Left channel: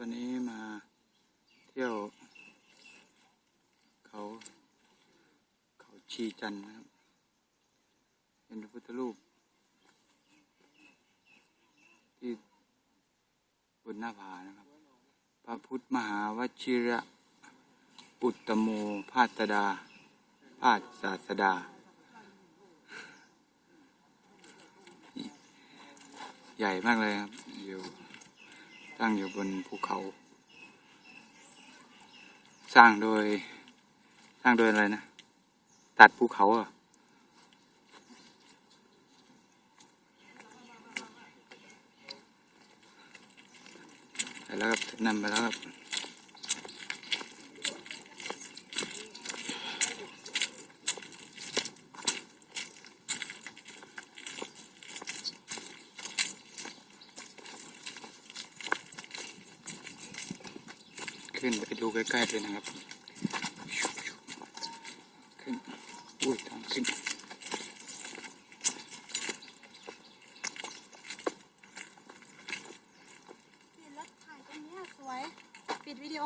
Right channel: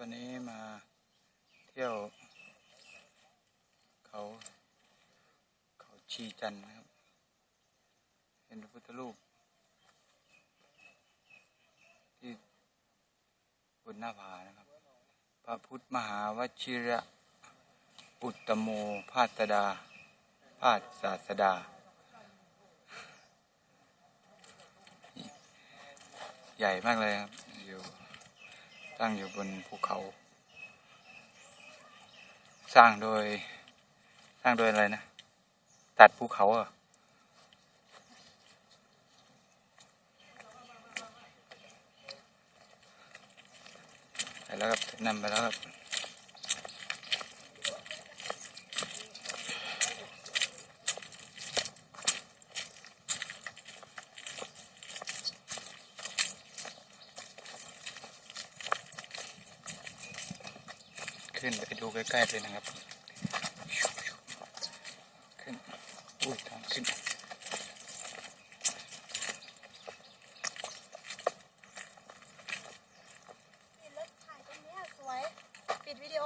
วันนี้มาเที่ยว เขาเขาชีจันนะครับ เห็นพระพุทธรูป ที่บนหน้าผานะครับ พระพุทธมหาวชิระอุตตโมภาสดาภาสศาสดา ใหญ่มากเลยครับอยู่ ตั้งอยู่บนภูเขา สร้างโดย สร้างโดยอะไรนะ ตัดภูเขาเหรอะไปแล้วครับนำไปแล้วครับ ขึ้นไปดูใกล้ๆเลยนะครับ ขึ้น อุ้ยทางขึ้นปิดรถถ่ายตรงนี้สวยปิดวิดีโอ